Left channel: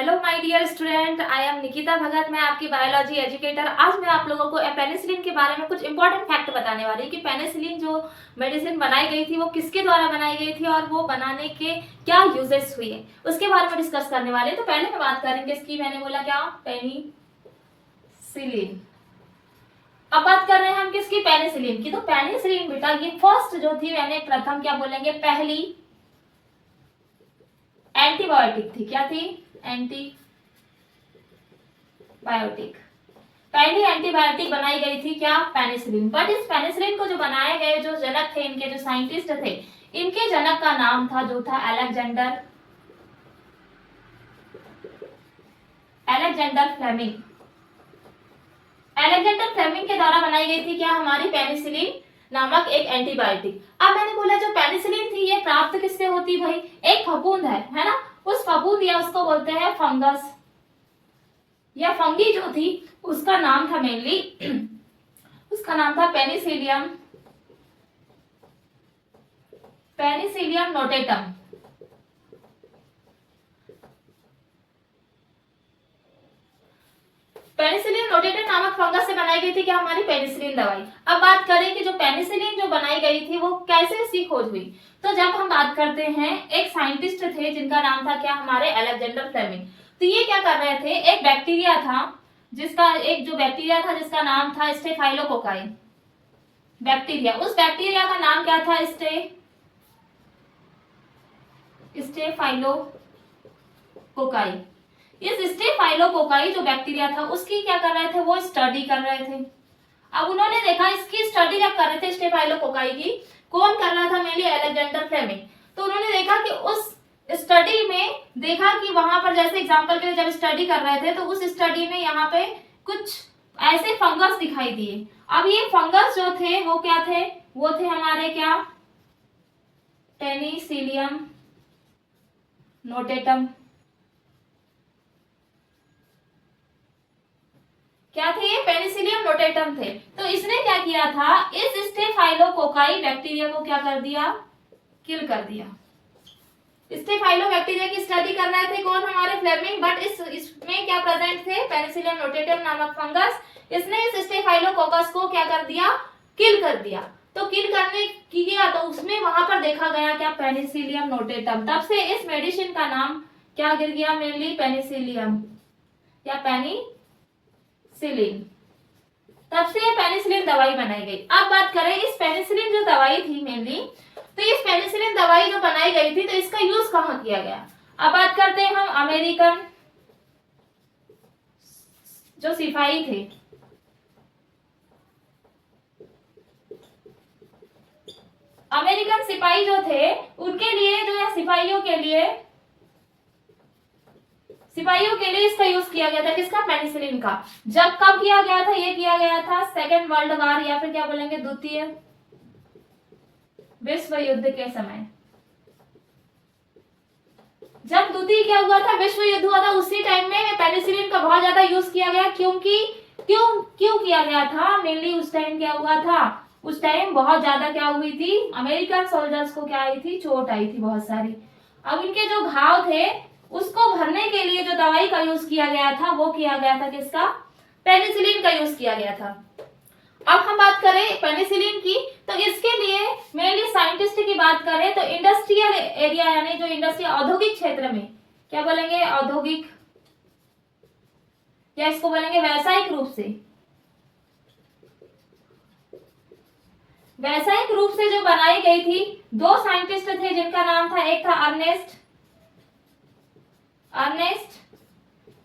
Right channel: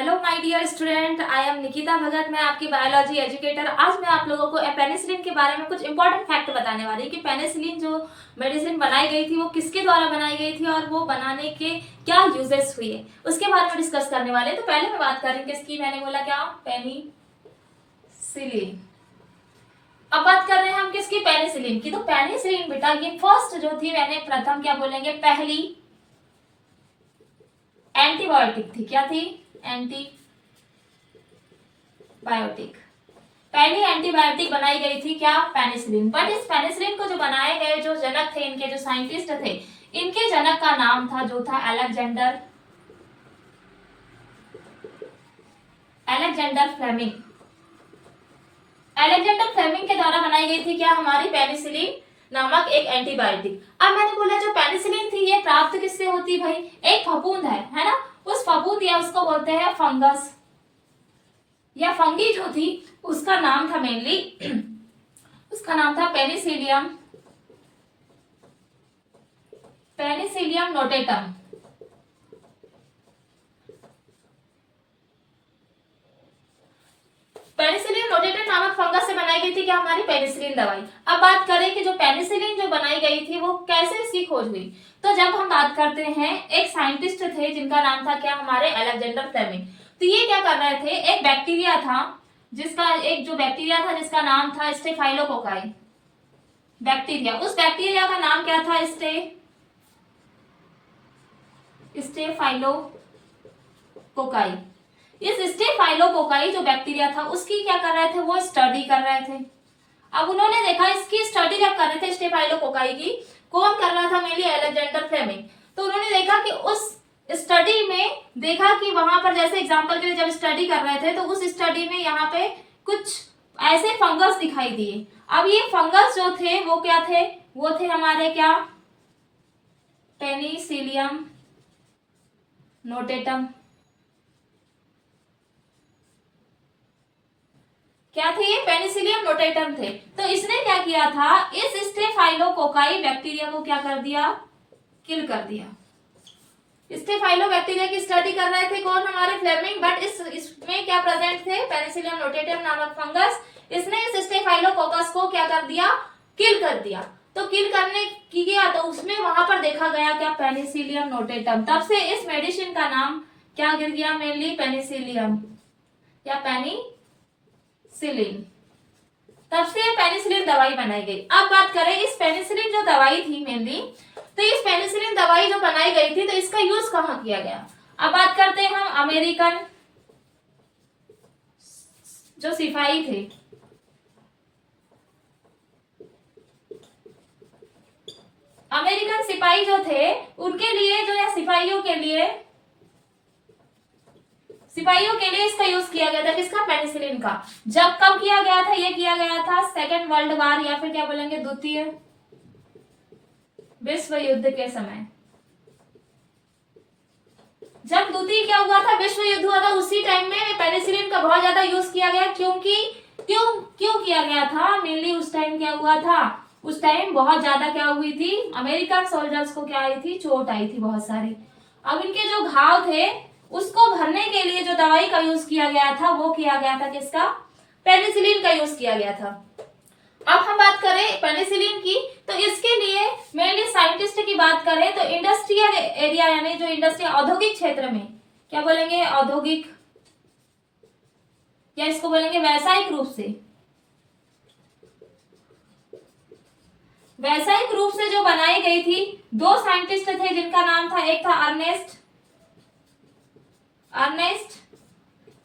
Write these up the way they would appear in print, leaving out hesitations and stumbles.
Hello my dear student, I am Nikita Bhagat. मैं आपकी biology educator. आज मैं आप लोगों को पेनिसिलिन के बारे में कुछ इंपॉर्टेंट फैक्ट बताने वाली हूँ कि पेनिसिलिन जो मेडिसिन बनाई गई थी वो किसके द्वारा बनाई गई थी और वो बनाने के क्या यूजेस हुए, उसके बारे में डिस्कस करने वाले हैं। तो पहले मैं बात करेंगे इसकी, मैंने बोला क्या, पेनिसिलिन। अब बात कर रहे हैं हम किसकी, पेनिसिलिन की। तो पेनिसिलिन बेटा ये फर्स्ट जो थी, मैंने प्रथम क्या बोलेंगे, पहली एंटीबायोटिक थी। क्या थी? एंटीबायोटिक। पहली एंटीबायोटिक बनाई गई थी क्या, पेनिसिलिन। बट इस पेनिसिलिन को जो बनाए गए जो जनक थे, इनके जो साइंटिस्ट थे, इनके जनक का नाम था जो था अलेक्जेंडर फ्लेमिंग। अलेक्जेंडर फ्लेमिंग के द्वारा बनाई गई थी क्या, हमारी पेनिसिलिन नामक एक एंटीबायोटिक। अब मैंने बोला जो पेनिसिलिन थी ये प्राप्त किससे होती भाई, एक फफूंद है ना, उस फफूंद या उसको बोलते हैं फंगस या फंगी जो थी, उसका नाम था मेनली उसका नाम था पेनिसिलियम नोटेटम। पेनिसिलिन नोटेटम नामक फंगस से बनाई गई थी क्या, हमारी पेनिसिलिन दवाई। अब बात करें कि जो पेनिसिलिन जो बनाई गई थी वो कैसे इसकी खोज हुई। तो जब हम बात करते हैं, एक साइंटिस्ट थे जिनका नाम था क्या, हमारे अलेक्जेंडर फ्लेमिंग। तो ये क्या कर रहे थे, एक बैक्टीरिया था जिसका नाम था स्टेफाइलोकोकाई बैक्टीरिया। उस बैक्टीरिया का नाम क्या था, स्टेफाइलोकोकाई। इस स्टेफाइलोकोकाई जो बैक्टीरिया था उसकी क्या कर रहे थे, वो स्टडी कर रहे थे। अब उन्होंने देखा, इसकी स्टडी जब कर रहे थे स्टेफाइलोकोकाई की, कौन कर रहा था, मेनली अलेक्जेंडर फ्लेमिंग। तो उन्होंने देखा कि उस स्टडी में देखा कि वहां पर, जैसे एग्जांपल के लिए जब स्टडी कर रहे थे, तो उस स्टडी में यहाँ पे कुछ ऐसे फंगस दिखाई दिए। अब ये फंगस जो थे वो क्या थे, वो थे हमारे क्या, पेनिसिलियम नोटेटम। क्या थे ये, पेनिसिलियम नोटेटम थे। तो इसने क्या किया था, इस स्टेफाइलोकोकाई बैक्टीरिया को क्या कर दिया, किल कर दिया। स्टेफाइलो बैक्टीरिया की स्टडी कर रहे थे कौन, हमारे फ्लेमिंग। बट इसमें क्या प्रेजेंट थे, पेनिसिलियम नोटेटम नामक फंगस। इसने इस स्टेफाइलोकोकस को क्या कर दिया, किल कर दिया। तो किल करने की गया तो उसमें वहां पर देखा गया क्या, पेनिसिलियम नोटेटम। तब से इस मेडिसिन का नाम क्या गिर गया, मेनली पेनिसिलियम या पेनिसिलिन। तब से ये पेनिसिलिन दवाई बनाई गई। अब बात करें इस पेनिसिलिन जो दवाई थी मेनली, तो इस पेनिसिलिन दवाई जो बनाई गई थी तो इसका यूज कहाँ किया गया। अब बात करते हैं हम अमेरिकन जो सिपाही थे, अमेरिकन सिपाही जो थे उनके लिए, जो या सिपाहियों के लिए इसका यूज किया गया था, किसका, पेनिसिलिन का। जब कब किया गया था, ये किया गया था सेकेंड वर्ल्ड वार या फिर क्या बोलेंगे, द्वितीय विश्व युद्ध के समय। जब द्वितीय क्या हुआ था, विश्व युद्ध हुआ था, उसी टाइम में पेनिसिलिन का बहुत ज्यादा यूज किया गया। क्योंकि क्यों किया गया था, मेनली उस टाइम क्या हुआ था, उस टाइम बहुत ज्यादा क्या हुई थी, अमेरिकन सोल्जर्स को क्या आई थी, चोट आई थी बहुत सारी। अब इनके जो घाव थे उसको भरने के लिए जो दवाई का यूज किया गया था वो किया गया था किसका, पेनिसिलिन का यूज किया गया था। अब हम बात करें पेनिसिलिन की, तो इसके लिए मेनली साइंटिस्ट की बात करें तो इंडस्ट्रियल एरिया, यानी जो इंडस्ट्रियल औद्योगिक क्षेत्र में, क्या बोलेंगे, औद्योगिक, या इसको बोलेंगे व्यावसायिक रूप से जो बनाई गई थी। दो साइंटिस्ट थे जिनका नाम था, एक था अर्नेस्ट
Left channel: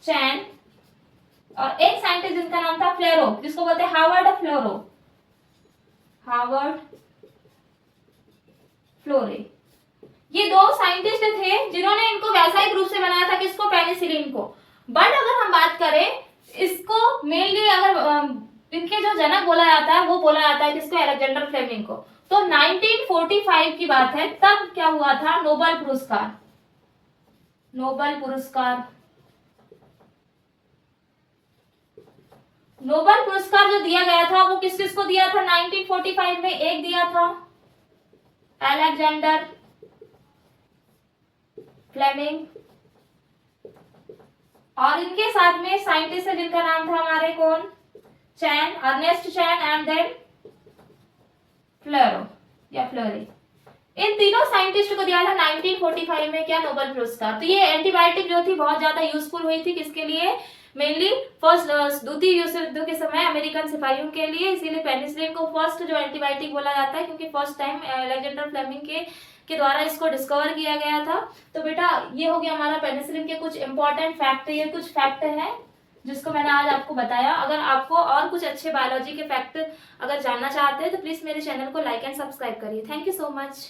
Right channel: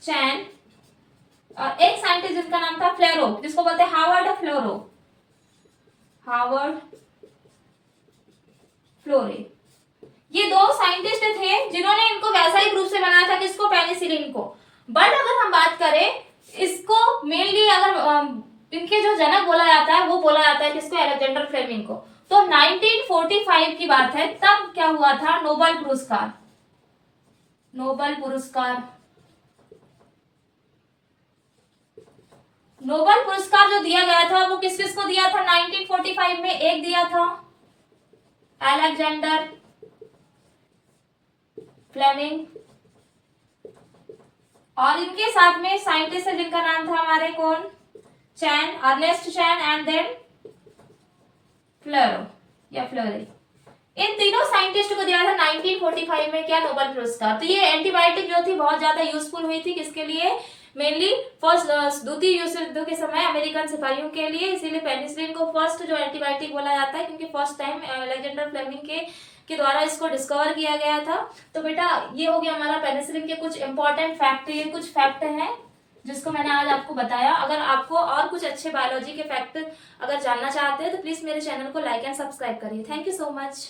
चैन, और एक साइंटिस्ट जिसका नाम था फ्लेरो, जिसको बोलते हैं हार्वर्ड फ्लोरे। ये दो साइंटिस्ट थे जिन्होंने इनको व्यावसायिक रूप से बनाया था, किसको, पेनिसिलिन को। बट अगर हम बात करें इसको मेनली, अगर इनके जो जनक बोला जाता है वो बोला जाता है किसको, अलेक्जेंडर फ्लेमिंग को। तो 1945 की बात है, तब क्या हुआ था, नोबेल पुरस्कार जो दिया गया था वो किस किस को दिया था 1945 में। एक दिया था अलेक्जेंडर फ्लेमिंग, और इनके साथ में साइंटिस्ट है जिनका नाम था हमारे कौन, चैन, अर्नेस्ट चैन एंड देन फ्लोरो या फ्लोरी। इन तीनों साइंटिस्ट को दिया था 1945 में क्या, नोबेल पुरस्कार। तो ये एंटीबायोटिक जो थी बहुत ज्यादा यूजफुल हुई थी, किसके लिए, मेनली फर्स्ट द्वितीय विश्व युद्ध के समय अमेरिकन सिपाहियों के लिए। इसीलिए पेनिसिलिन को फर्स्ट जो एंटीबायोटिक बोला जाता है, क्योंकि फर्स्ट टाइम अलेक्जेंडर फ्लेमिंग के द्वारा इसको डिस्कवर किया गया था। तो बेटा ये हो गया हमारा पेनिसिलिन के कुछ इंपॉर्टेंट फैक्ट। ये कुछ फैक्ट है जिसको मैंने आज आपको बताया। अगर आपको और कुछ अच्छे बायोलॉजी के फैक्ट अगर जानना चाहते हैं तो प्लीज मेरे चैनल को लाइक एंड सब्सक्राइब करिए। Thank you so much.